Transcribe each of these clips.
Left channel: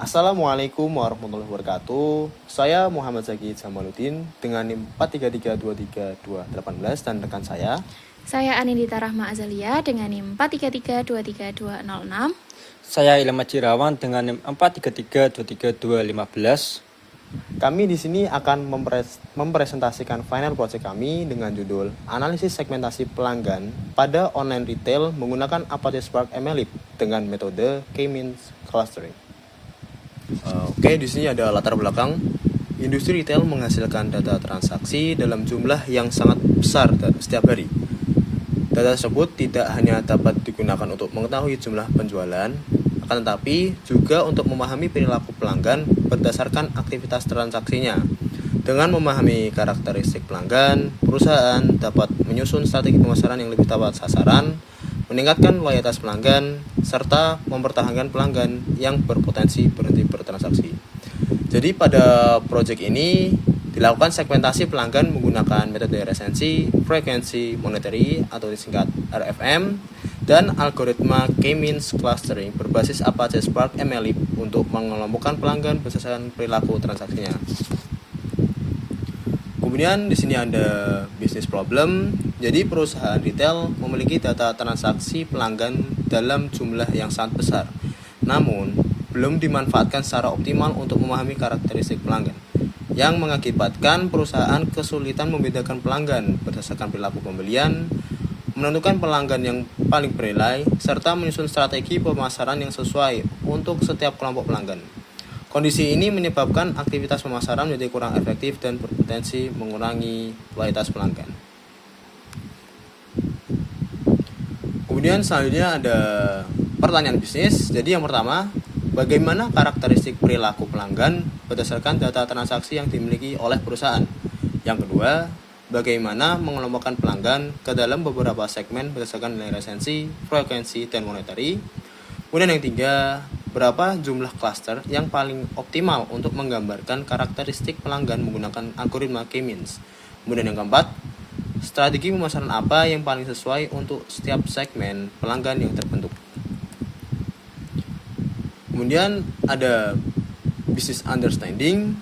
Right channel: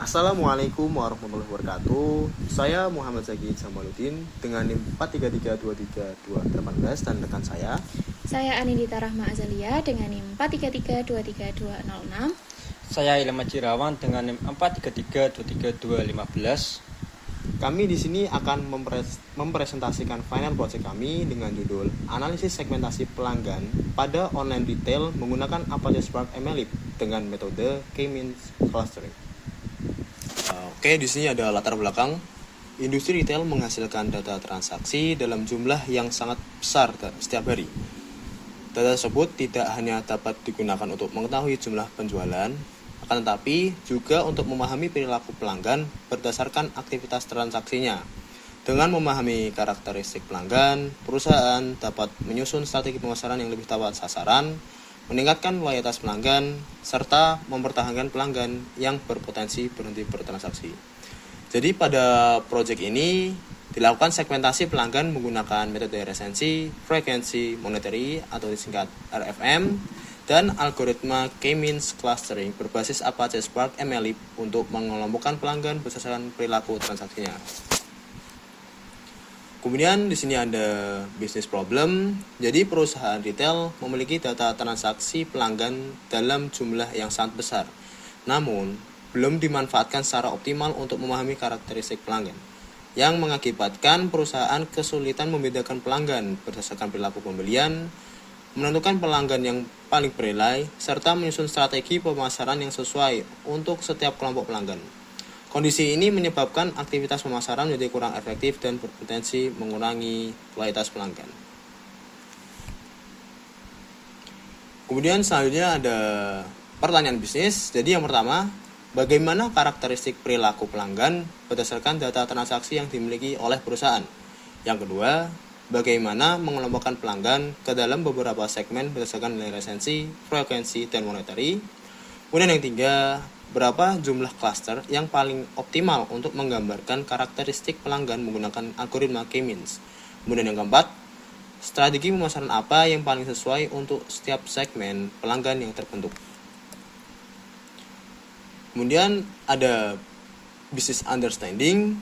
Assalamualaikum warahmatullahi wabarakatuh. Saya Muhammad Zaki Jamaluddin dengan NIM 433232218 dan rekan saya. Saya Anindita Rahma Azalia dengan NIM 433233206. Saya Ilham Majirawan dengan NIM 433232215. Kami di sini akan mempresentasikan final project kami dengan judul Analisis Segmentasi Pelanggan pada Online Retail menggunakan Apache Spark MLlib dengan metode K-means clustering. Oke, di sini ada latar belakang. Industri retail menghasilkan data transaksi dalam jumlah yang sangat besar setiap hari. Data tersebut tidak hanya dapat digunakan untuk mengetahui jumlah penjualan, akan tetapi juga untuk memahami perilaku pelanggan berdasarkan aktivitas transaksinya. Dengan memahami karakteristik pelanggan, perusahaan dapat menyusun strategi pemasaran yang lebih tepat sasaran, meningkatkan loyalitas pelanggan, serta mempertahankan pelanggan yang berpotensi berhenti bertransaksi. Jadi pada proyek ini dilakukan segmentasi pelanggan menggunakan metode resensi, frekuensi, monetary atau disingkat RFM, dan algoritma K-means clustering berbasis Apache Spark MLlib untuk mengelompokkan pelanggan berdasarkan perilaku transaksinya. Kemudian di sini ada bisnis problem. Jadi perusahaan retail memiliki data transaksi pelanggan dalam jumlah yang sangat besar, namun belum dimanfaatkan secara optimal untuk memahami karakteristik pelanggan, yang mengakibatkan perusahaan kesulitan membedakan pelanggan berdasarkan perilaku pembelian, menentukan pelanggan yang paling bernilai, serta menyusun strategi pemasaran yang sesuai untuk setiap kelompok pelanggan. Kondisi ini menyebabkan aktivitas pemasaran menjadi kurang efektif dan berpotensi mengurangi loyalitas pelanggan. Kemudian selanjutnya ada pertanyaan bisnis. Jadi yang pertama, bagaimana karakteristik perilaku pelanggan berdasarkan data transaksi yang dimiliki oleh perusahaan? Yang kedua, bagaimana mengelompokkan pelanggan ke dalam beberapa segmen berdasarkan nilai resensi, frekuensi, dan monetary? Kemudian yang ketiga, berapa jumlah cluster yang paling optimal untuk menggambarkan karakteristik pelanggan menggunakan algoritma K-means? Kemudian yang keempat, strategi pemasaran apa yang paling sesuai untuk setiap segmen pelanggan yang terbentuk? Kemudian ada business understanding.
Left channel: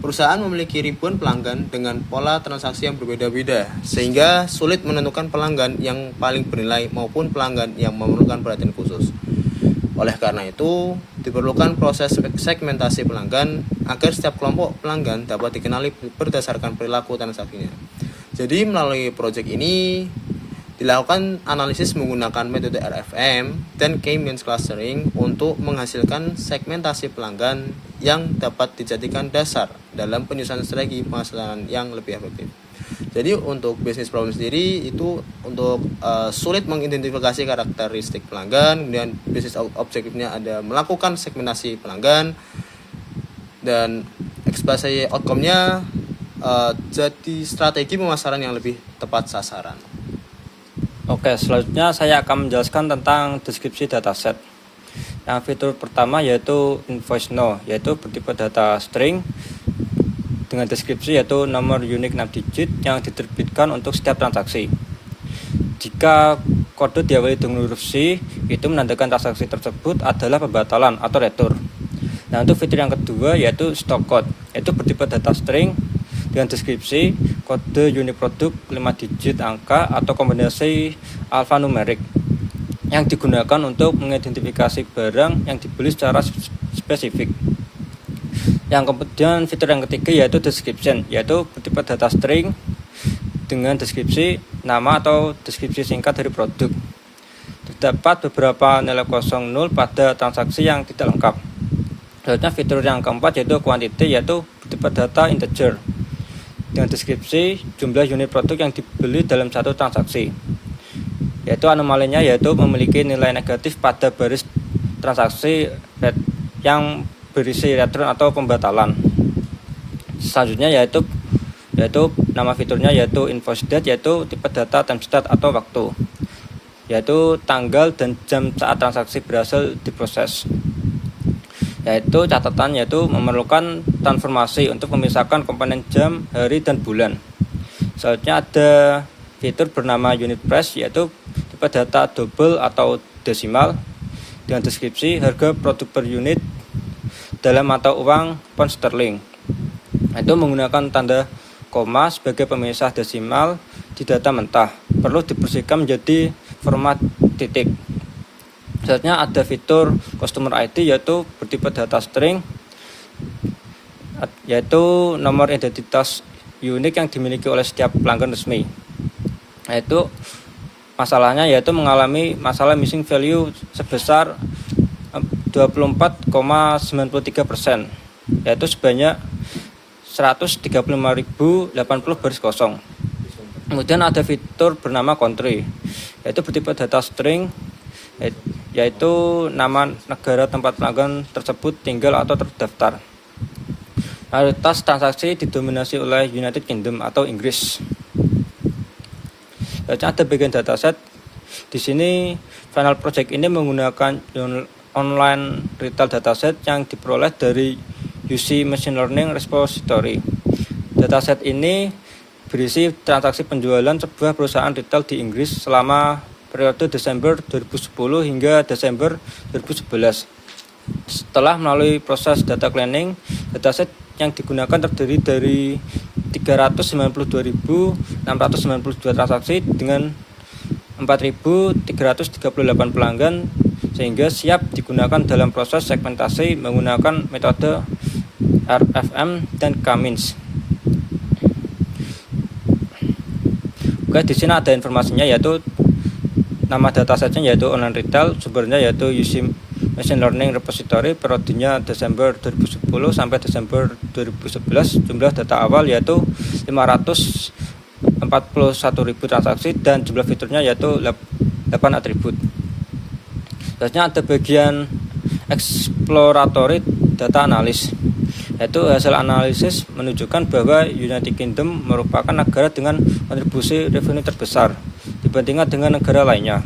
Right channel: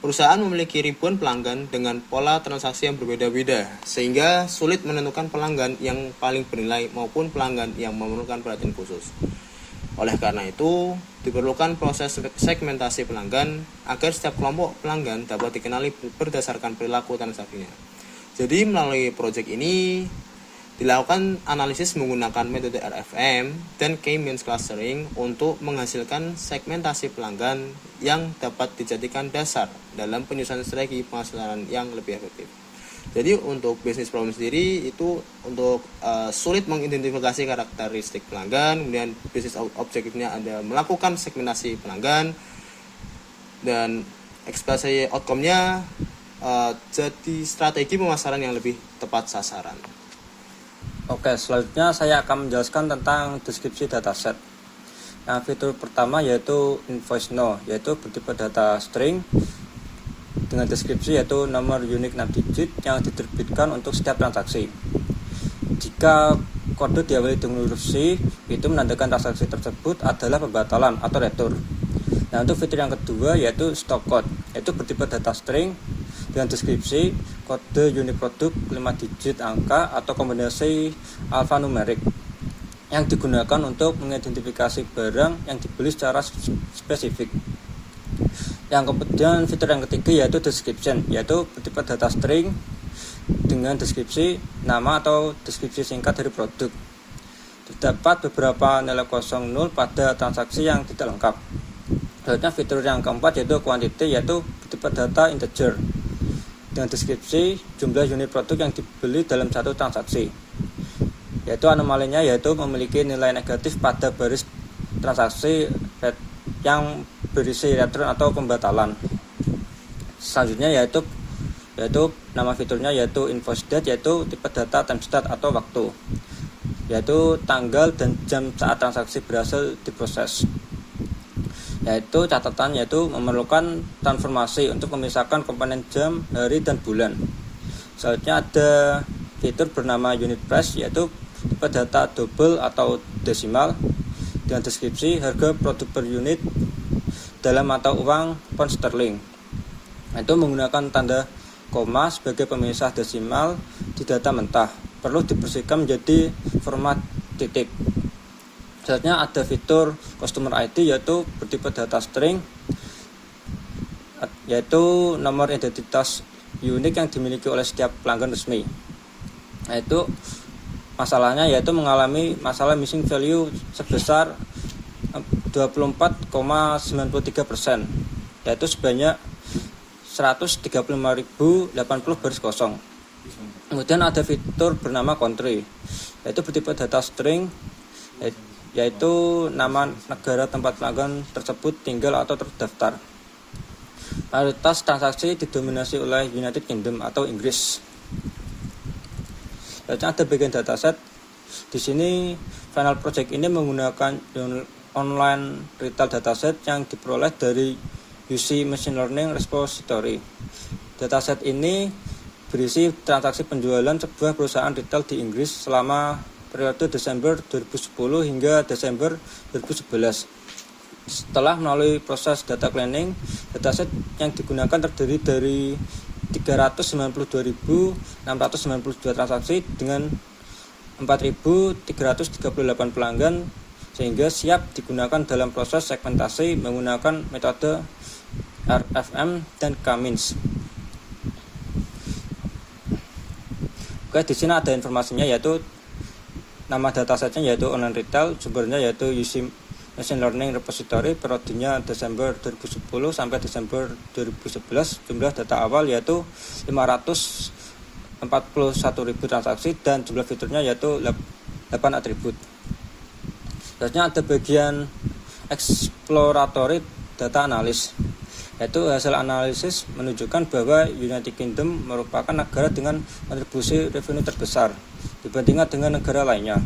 Perusahaan memiliki ribuan pelanggan dengan pola transaksi yang berbeda-beda, sehingga sulit menentukan pelanggan yang paling bernilai maupun pelanggan yang memerlukan perhatian khusus. Oleh karena itu, diperlukan proses segmentasi pelanggan agar setiap kelompok pelanggan dapat dikenali berdasarkan perilaku transaksinya. Jadi melalui proyek ini dilakukan analisis menggunakan metode RFM dan K-means clustering untuk menghasilkan segmentasi pelanggan yang dapat dijadikan dasar dalam penyusunan strategi pemasaran yang lebih efektif. Jadi untuk bisnis problem sendiri itu untuk sulit mengidentifikasi karakteristik pelanggan, kemudian bisnis objektifnya ada melakukan segmentasi pelanggan, dan ekspektasi outcome-nya jadi strategi pemasaran yang lebih tepat sasaran. Oke, selanjutnya saya akan menjelaskan tentang deskripsi dataset. Yang fitur pertama yaitu invoice no, yaitu bertipe data string dengan deskripsi yaitu nomor unik 6 digit yang diterbitkan untuk setiap transaksi. Jika kode diawali dengan huruf C, itu menandakan transaksi tersebut adalah pembatalan atau retur. Nah, untuk fitur yang kedua yaitu stock code, yaitu bertipe data string dengan deskripsi kode unik produk 5 digit angka atau kombinasi alfanumerik yang digunakan untuk mengidentifikasi barang yang dibeli secara spesifik. Yang kemudian fitur yang ketiga yaitu description, yaitu bertipe data string dengan deskripsi nama atau deskripsi singkat dari produk. Terdapat beberapa nilai 00 pada transaksi yang tidak lengkap. Selanjutnya fitur yang keempat yaitu quantity, yaitu bertipe data integer dengan deskripsi jumlah unit produk yang dibeli dalam satu transaksi. Yaitu anomalinya yaitu memiliki nilai negatif pada baris transaksi yang berisi return atau pembatalan. Selanjutnya yaitu nama fiturnya yaitu invoice date, yaitu tipe data timestamp atau waktu, yaitu tanggal dan jam saat transaksi berhasil diproses. Yaitu catatan yaitu memerlukan transformasi untuk memisahkan komponen jam, hari, dan bulan. Selanjutnya ada fitur bernama unit price, yaitu tipe data double atau desimal dengan deskripsi harga produk per unit dalam mata uang pound sterling. Itu menggunakan tanda koma sebagai pemisah desimal di data mentah. Perlu dibersihkan menjadi format titik. Selanjutnya ada fitur customer ID, yaitu bertipe data string, yaitu nomor identitas unik yang dimiliki oleh setiap pelanggan resmi. Yaitu masalahnya yaitu mengalami masalah missing value sebesar 24,93%, yaitu sebanyak 135.080 baris kosong. Kemudian ada fitur bernama country, yaitu bertipe data string, yaitu nama negara tempat pelanggan tersebut tinggal atau terdaftar. Mayoritas transaksi didominasi oleh United Kingdom atau Inggris. Selanjutnya ada bagian dataset. Di sini Final Project ini menggunakan online retail dataset yang diperoleh dari UC Machine Learning Repository. Dataset ini berisi transaksi penjualan sebuah perusahaan retail di Inggris selama periode Desember 2010 hingga Desember 2011. Setelah melalui proses data cleaning, dataset yang digunakan terdiri dari 392.692 transaksi dengan 4.338 pelanggan, sehingga siap digunakan dalam proses segmentasi menggunakan metode RFM dan K-means. Oke, di sini ada informasinya, yaitu nama datasetnya yaitu online retail, sumbernya yaitu UC Machine Learning Repository, periodenya Desember 2010 sampai Desember 2011. Jumlah data awal yaitu 541.000 transaksi dan jumlah fiturnya yaitu 8 atribut. Selanjutnya ada bagian exploratory data analysis, yaitu hasil analisis menunjukkan bahwa United Kingdom merupakan negara dengan kontribusi revenue terbesar dibandingkan dengan negara lainnya.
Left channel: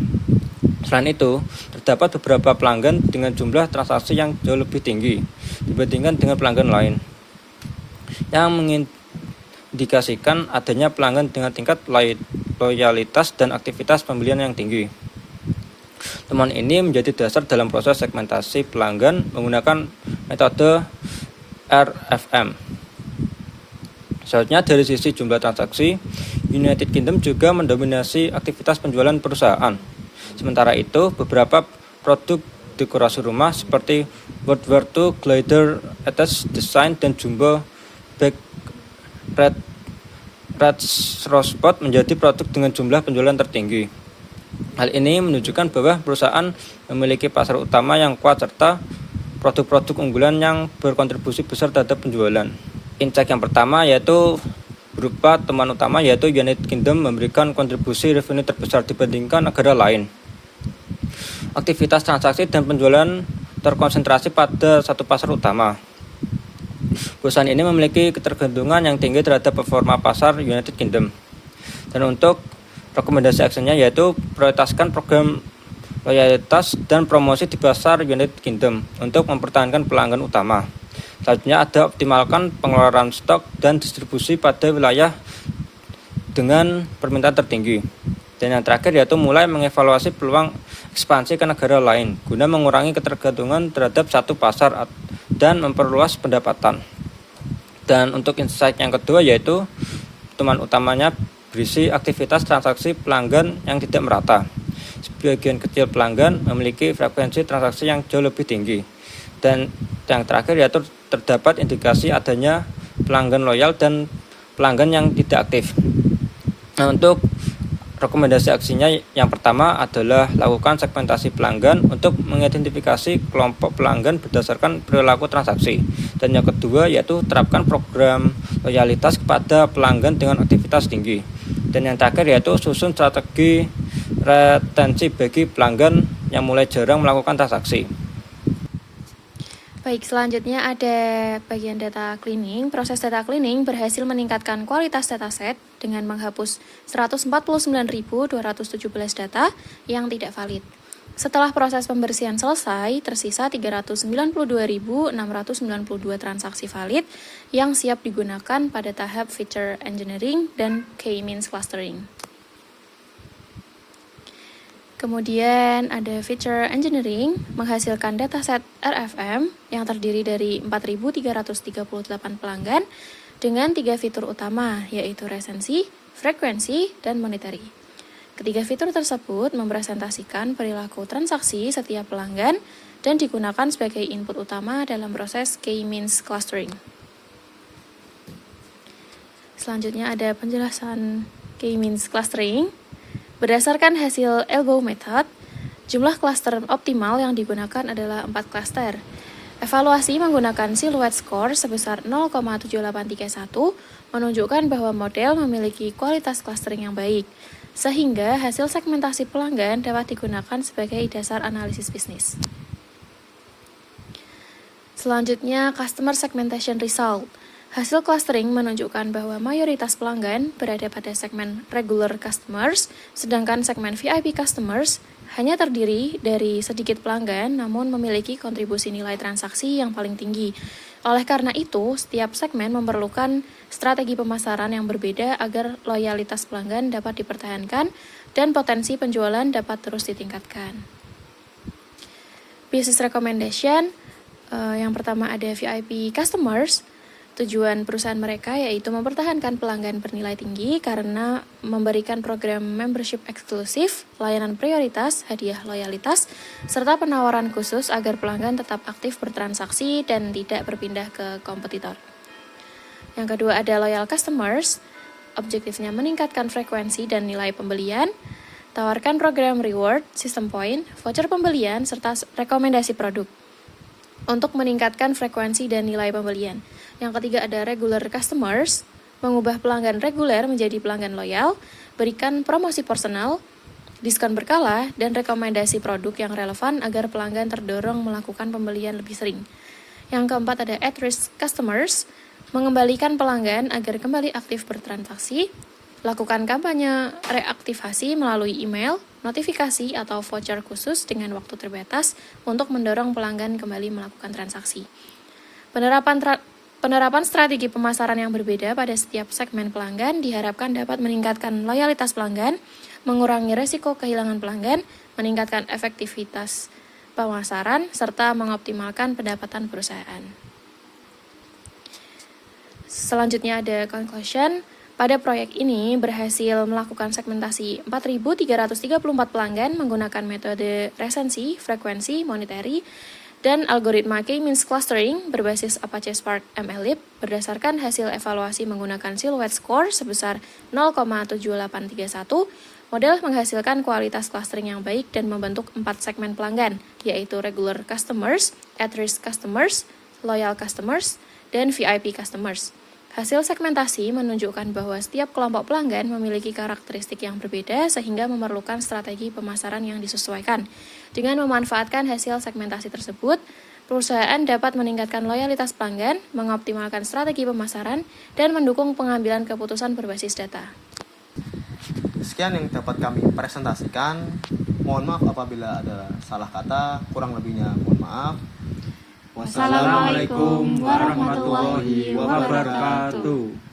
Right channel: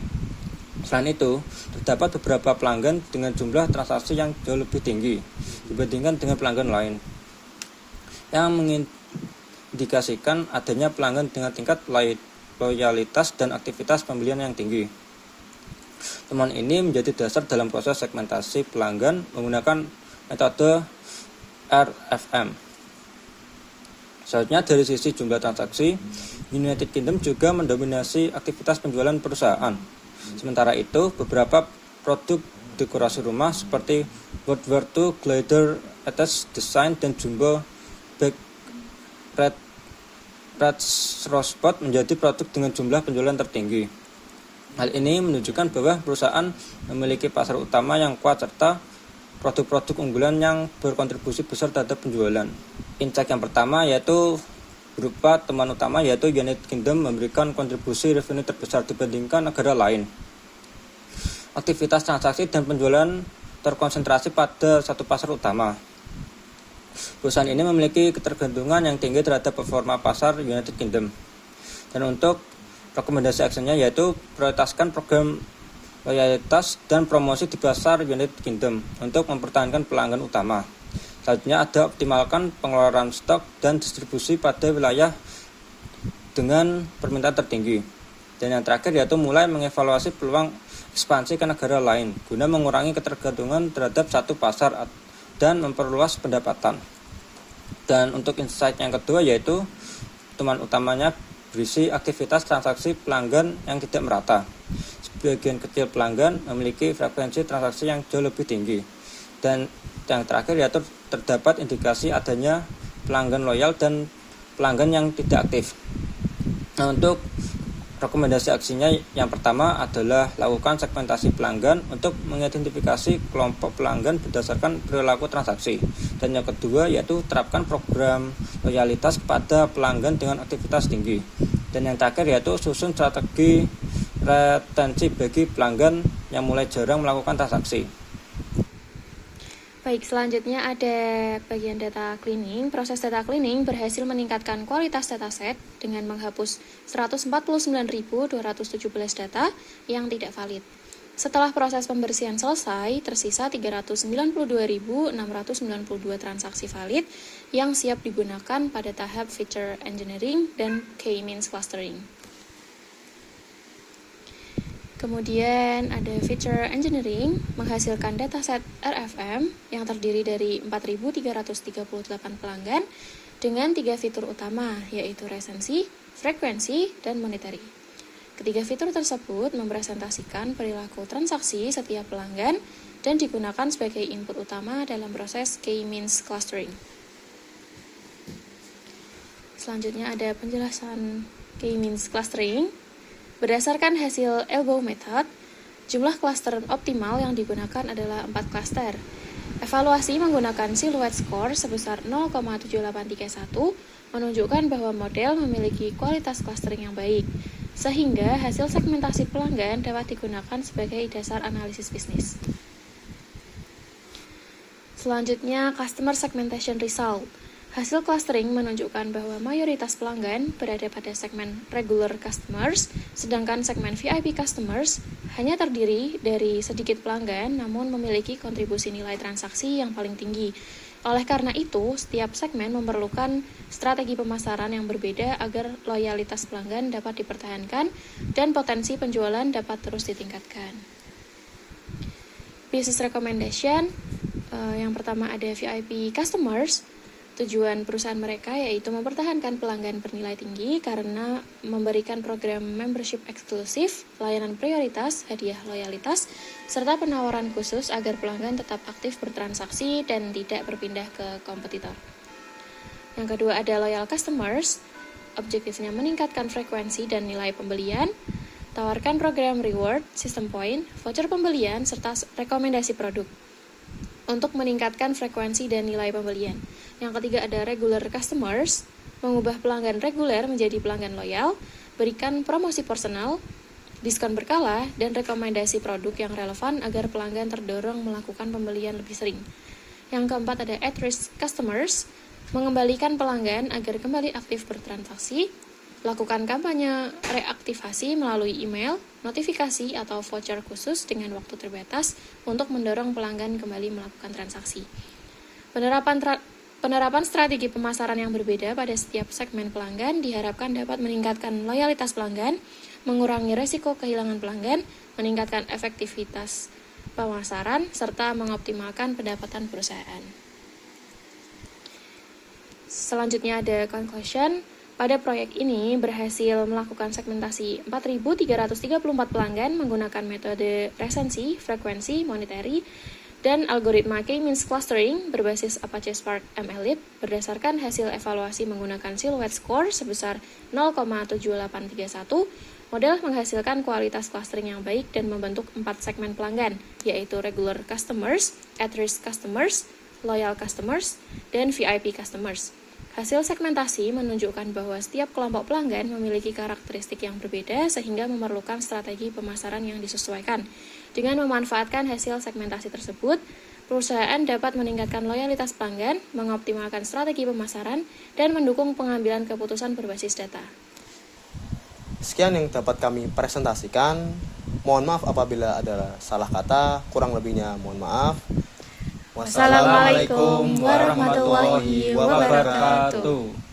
Selain itu, terdapat beberapa pelanggan dengan jumlah transaksi yang jauh lebih tinggi dibandingkan dengan pelanggan lain, yang mengindikasikan adanya pelanggan dengan tingkat loyalitas dan aktivitas pembelian yang tinggi. Temuan ini menjadi dasar dalam proses segmentasi pelanggan menggunakan metode RFM. Selanjutnya, dari sisi jumlah transaksi, United Kingdom juga mendominasi aktivitas penjualan perusahaan. Sementara itu, beberapa produk dekorasi rumah seperti World War II, Glider, Attached Design, dan Jumbo Bag Red Rose Spot menjadi produk dengan jumlah penjualan tertinggi. Hal ini menunjukkan bahwa perusahaan memiliki pasar utama yang kuat serta produk-produk unggulan yang berkontribusi besar terhadap penjualan. Insight yang pertama yaitu berupa temuan utama, yaitu United Kingdom memberikan kontribusi revenue terbesar dibandingkan negara lain. Aktivitas transaksi dan penjualan terkonsentrasi pada satu pasar utama. Perusahaan ini memiliki ketergantungan yang tinggi terhadap performa pasar United Kingdom. Dan untuk rekomendasi actionnya yaitu prioritaskan program loyalitas dan promosi di pasar United Kingdom untuk mempertahankan pelanggan utama. Selanjutnya ada optimalkan pengeluaran stok dan distribusi pada wilayah dengan permintaan tertinggi. Dan yang terakhir yaitu mulai mengevaluasi peluang ekspansi ke negara lain guna mengurangi ketergantungan terhadap satu pasar dan memperluas pendapatan. Dan untuk insight yang kedua yaitu temuan utamanya berisi aktivitas transaksi pelanggan yang tidak merata. Sebagian kecil pelanggan memiliki frekuensi transaksi yang jauh lebih tinggi. Dan yang terakhir yaitu terdapat indikasi adanya pelanggan loyal dan pelanggan yang tidak aktif. Nah, untuk rekomendasi aksinya yang pertama adalah lakukan segmentasi pelanggan untuk mengidentifikasi kelompok pelanggan berdasarkan perilaku transaksi. Dan yang kedua yaitu terapkan program loyalitas kepada pelanggan dengan aktivitas tinggi. Dan yang terakhir yaitu susun strategi retensi bagi pelanggan yang mulai jarang melakukan transaksi. Baik, selanjutnya ada bagian data cleaning. Proses data cleaning berhasil meningkatkan kualitas dataset dengan menghapus 149.217 data yang tidak valid. Setelah proses pembersihan selesai, tersisa 392.692 transaksi valid yang siap digunakan pada tahap feature engineering dan K-means clustering. Kemudian ada feature engineering, menghasilkan dataset RFM yang terdiri dari 4.338 pelanggan dengan 3 fitur utama, yaitu resensi, frekuensi, dan monetary. Ketiga fitur tersebut mempresentasikan perilaku transaksi setiap pelanggan dan digunakan sebagai input utama dalam proses K-means clustering. Selanjutnya ada penjelasan K-means clustering. Berdasarkan hasil Elbow Method, jumlah klaster optimal yang digunakan adalah 4 klaster. Evaluasi menggunakan silhouette score sebesar 0,7831 menunjukkan bahwa model memiliki kualitas clustering yang baik, sehingga hasil segmentasi pelanggan dapat digunakan sebagai dasar analisis bisnis. Selanjutnya, Customer Segmentation Result. Hasil clustering menunjukkan bahwa mayoritas pelanggan berada pada segmen regular customers, sedangkan segmen VIP customers hanya terdiri dari sedikit pelanggan namun memiliki kontribusi nilai transaksi yang paling tinggi. Oleh karena itu, setiap segmen memerlukan strategi pemasaran yang berbeda agar loyalitas pelanggan dapat dipertahankan dan potensi penjualan dapat terus ditingkatkan. Business recommendation, yang pertama ada VIP customers. Tujuan perusahaan mereka yaitu mempertahankan pelanggan bernilai tinggi karena memberikan program membership eksklusif, layanan prioritas, hadiah loyalitas, serta penawaran khusus agar pelanggan tetap aktif bertransaksi dan tidak berpindah ke kompetitor. Yang kedua ada loyal customers, objektifnya meningkatkan frekuensi dan nilai pembelian, tawarkan program reward, sistem poin, voucher pembelian, serta rekomendasi produk untuk meningkatkan frekuensi dan nilai pembelian. Yang ketiga ada regular customers, mengubah pelanggan reguler menjadi pelanggan loyal, berikan promosi personal, diskon berkala, dan rekomendasi produk yang relevan agar pelanggan terdorong melakukan pembelian lebih sering. Yang keempat ada at-risk customers, mengembalikan pelanggan agar kembali aktif bertransaksi, lakukan kampanye reaktivasi melalui email, notifikasi, atau voucher khusus dengan waktu terbatas untuk mendorong pelanggan kembali melakukan transaksi. Penerapan strategi pemasaran yang berbeda pada setiap segmen pelanggan diharapkan dapat meningkatkan loyalitas pelanggan, mengurangi risiko kehilangan pelanggan, meningkatkan efektivitas pemasaran, serta mengoptimalkan pendapatan perusahaan. Selanjutnya ada conclusion. Pada proyek ini berhasil melakukan segmentasi 4.334 pelanggan menggunakan metode resensi, frekuensi, monetary, dan algoritma K-means clustering berbasis Apache Spark MLlib berdasarkan hasil evaluasi menggunakan silhouette score sebesar 0,7831. Model menghasilkan kualitas clustering yang baik dan membentuk 4 segmen pelanggan, yaitu regular customers, at-risk customers, loyal customers, dan VIP customers. Hasil segmentasi menunjukkan bahwa setiap kelompok pelanggan memiliki karakteristik yang berbeda sehingga memerlukan strategi pemasaran yang disesuaikan. Dengan memanfaatkan hasil segmentasi tersebut, perusahaan dapat meningkatkan loyalitas pelanggan, mengoptimalkan strategi pemasaran, dan mendukung pengambilan keputusan berbasis data. Sekian yang dapat kami presentasikan. Mohon maaf apabila ada salah kata, kurang lebihnya mohon maaf. Wassalamualaikum warahmatullahi wabarakatuh.